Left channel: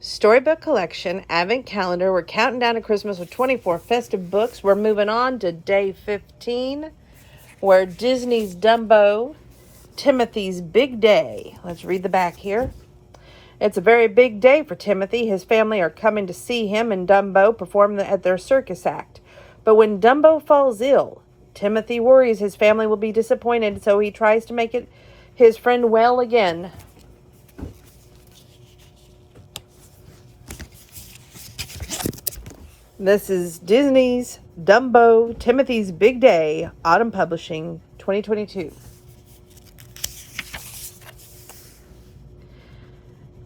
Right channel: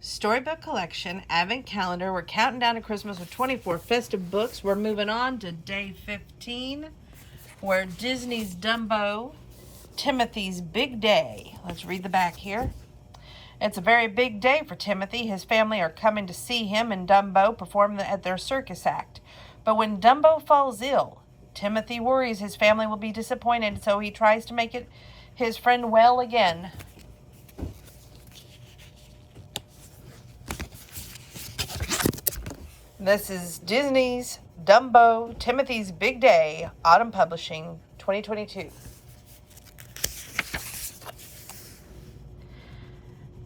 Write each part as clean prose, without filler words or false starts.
Storybook collection, advent calendar. We're counting down to Christmas with 24 festive books. We're moving on to day 15, where Disney's Dumbo, Timothy's big day. Let's read the back here. It's a very big day for Timothy. His family are coming to see him and Dumbo perform at their circus act. But when Dumbo falls ill, Timothy worries his family will be disappointed, so he tries to make his friend well again. This is Disney's Dumbo, Timothy's Big Day, Autumn Publishing, 2022.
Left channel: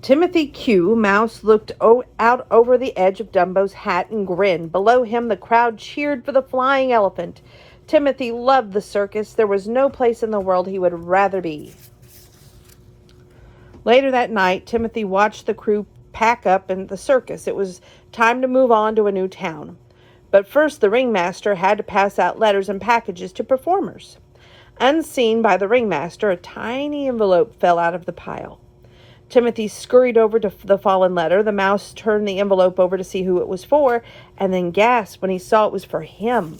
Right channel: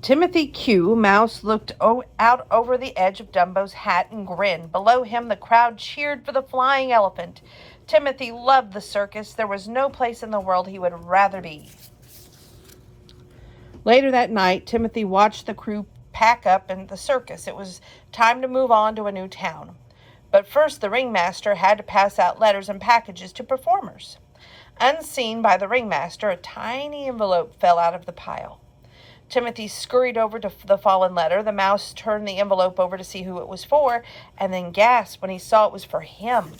Timothy Q. Mouse looked out over the edge of Dumbo's hat and grinned. Below him, the crowd cheered for the flying elephant. Timothy loved the circus. There was no place in the world he would rather be. Later that night, Timothy watched the crew pack up in the circus. It was time to move on to a new town. But first, the ringmaster had to pass out letters and packages to performers. Unseen by the ringmaster, a tiny envelope fell out of the pile. Timothy scurried over to the fallen letter. The mouse turned the envelope over to see who it was for, and then gasped when he saw it was for him.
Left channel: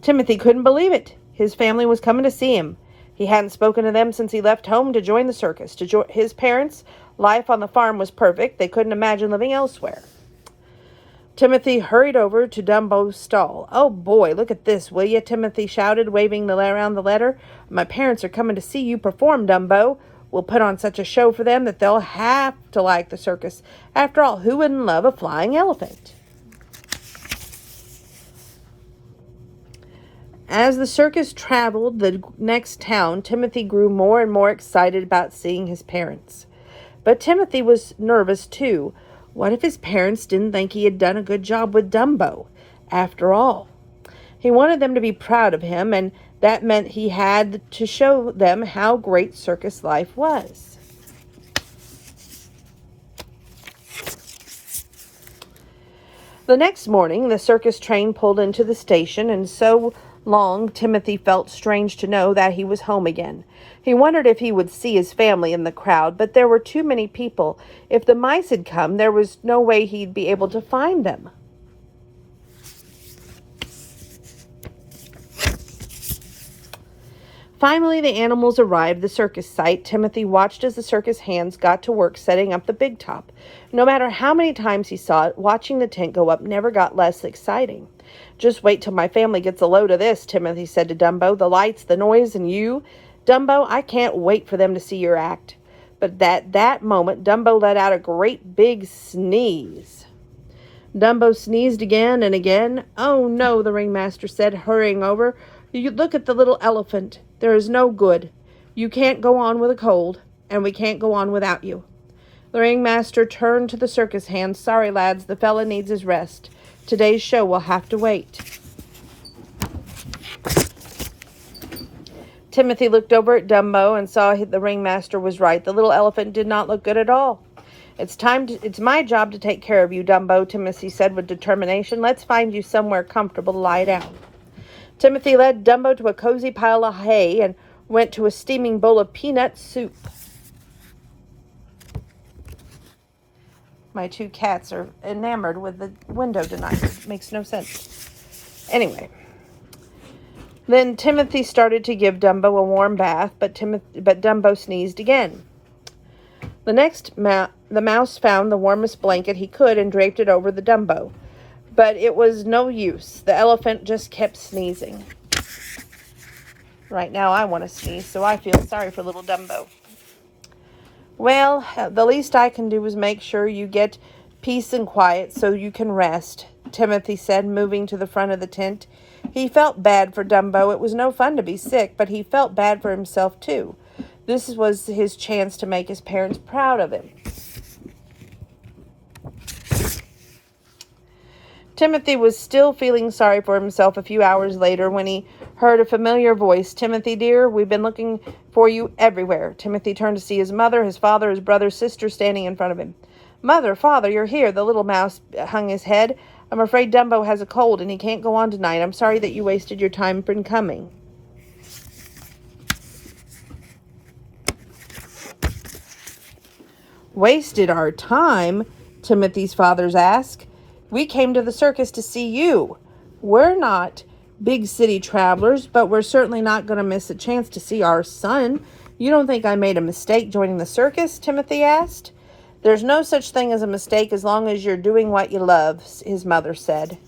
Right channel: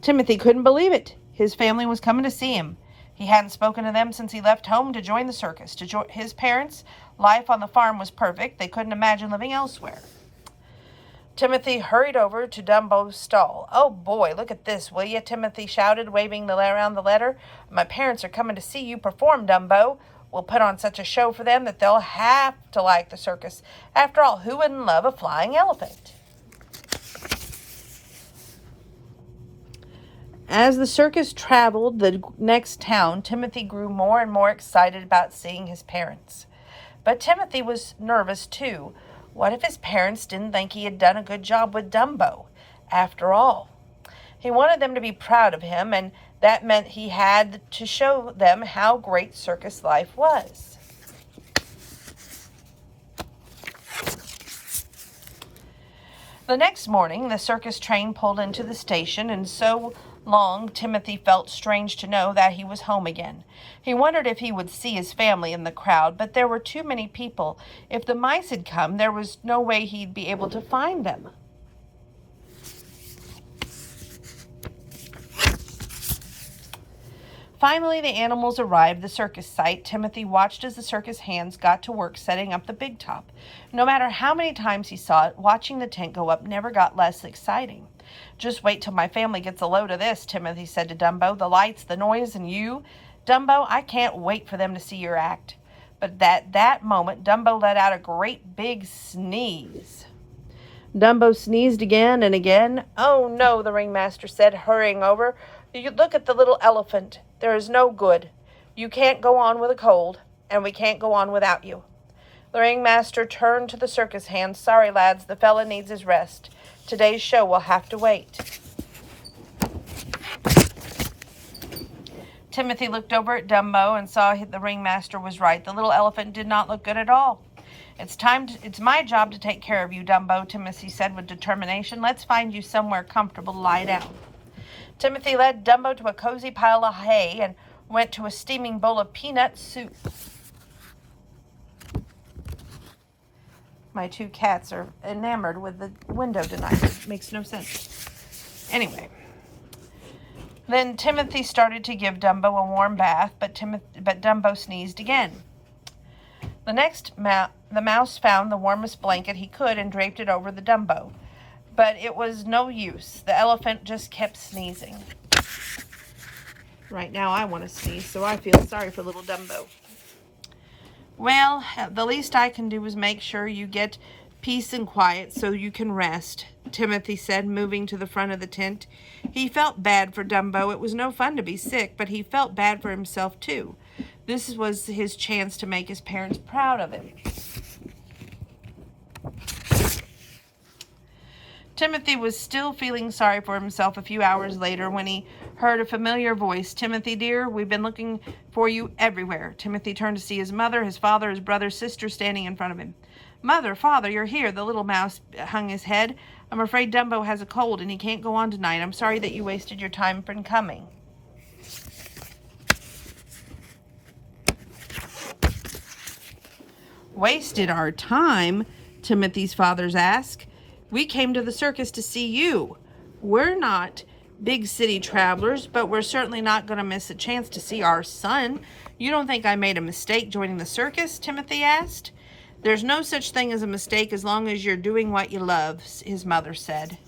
Timothy couldn't believe it. His family was coming to see him. He hadn't spoken to them since he left home to join the circus. His parents' life on the farm was perfect. They couldn't imagine living elsewhere. Timothy hurried over to Dumbo's stall. "Oh boy, look at this, will you?" Timothy shouted, waving around the letter. "My parents are coming to see you perform, Dumbo. We'll put on such a show for them that they'll have to like the circus. After all, who wouldn't love a flying elephant?" As the circus traveled the next town, Timothy grew more and more excited about seeing his parents. But Timothy was nervous too. What if his parents didn't think he had done a good job with Dumbo? After all, he wanted them to be proud of him, and that meant he had to show them how great circus life was. The next morning, the circus train pulled into the station, and so long Timothy felt strange to know that he was home again. He wondered if he would see his family in the crowd, but there were too many people. If the mice had come, there was no way he'd be able to find them. Finally, the animals arrived, the circus site. Timothy watched as the circus hands got to work setting up the big top. No matter how many times he saw it, watching the tent go up never got less exciting. "Just wait till my family gets a load of this," Timothy said to Dumbo. "The lights, the noise, and you. Dumbo, I can't wait for them to see your act." But at that moment, Dumbo let out a great big sneeze. Dumbo sneezed again and again. "Oh no," the ringmaster said, hurrying over. "You look at the little elephant. There is no good. You can't go on with a cold, and we can't go on without you." The ringmaster turned to the circus hands. "Sorry, lads, the fella needs his rest. Today's show will have to wait." Timothy looked over at Dumbo and saw the ringmaster was right. The little elephant did not look good at all. It's my job to take care of you, Dumbo," Timothy said with determination. "Let's find you somewhere comfortable to lie down." Timothy led Dumbo to a cozy pile of hay and went to a steaming bowl of peanut soup. My two cats are enamored with the window tonight. It makes no sense. Anyway. Then Timothy started to give Dumbo a warm bath, but Dumbo sneezed again. The mouse found the warmest blanket he could and draped it over the Dumbo. But it was no use. The elephant just kept sneezing. Right now I want to sneeze, so I feel sorry for little Dumbo. "Well, the least I can do is make sure you get peace and quiet so you can rest," Timothy said, moving to the front of the tent. He felt bad for Dumbo. It was no fun to be sick, but he felt bad for himself too. This was his chance to make his parents proud of him. Timothy was still feeling sorry for himself a few hours later when he heard a familiar voice. "Timothy, dear, we've been looking for you everywhere." Timothy turned to see his mother, his father, his brother, sister standing in front of him. "Mother, father, you're here." The little mouse hung his head. "I'm afraid Dumbo has a cold and he can't go on tonight. I'm sorry that you wasted your time in coming." Wasted our time? Timothy's father asked. We came to the circus to see you. We're not big city travelers, but we're certainly not going to miss a chance to see our son. You don't think I made a mistake joining the circus? Timothy asked. There's no such thing as a mistake as long as you're doing what you love, his mother said.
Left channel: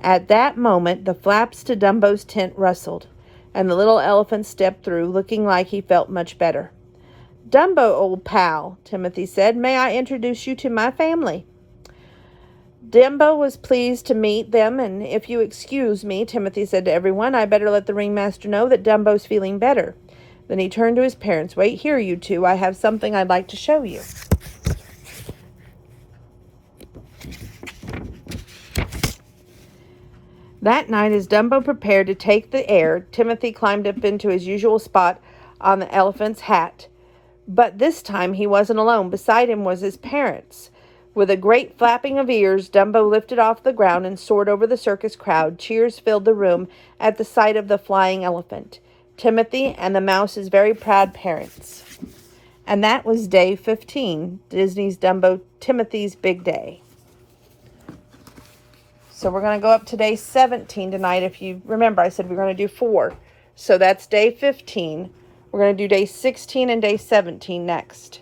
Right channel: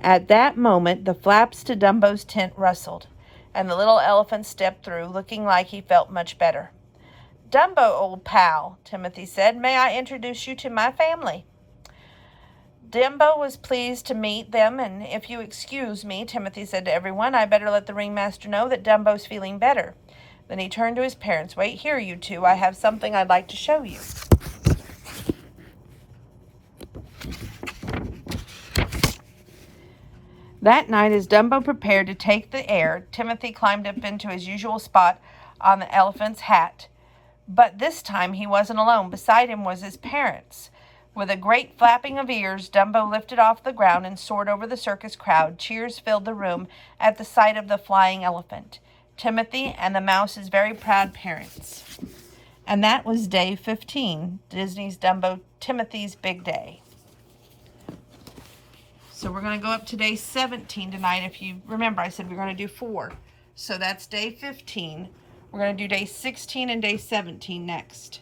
At that moment, the flaps to Dumbo's tent rustled, and the little elephant stepped through, looking like he felt much better. Dumbo, old pal, Timothy said, may I introduce you to my family? Dumbo was pleased to meet them, and if you excuse me, Timothy said to everyone, I better let the ringmaster know that Dumbo's feeling better. Then he turned to his parents. Wait here, you two. I have something I'd like to show you. That night, as Dumbo prepared to take the air, Timothy climbed up into his usual spot on the elephant's hat. But this time he wasn't alone. Beside him was his parents. With a great flapping of ears, Dumbo lifted off the ground and soared over the circus crowd. Cheers filled the room at the sight of the flying elephant, Timothy, and the mouse's very proud parents. And that was day 15, Disney's Dumbo, Timothy's Big Day. So we're going to go up to day 17 tonight. If you remember, I said we're going to do 4. So that's day 15. We're going to do day 16 and day 17 next.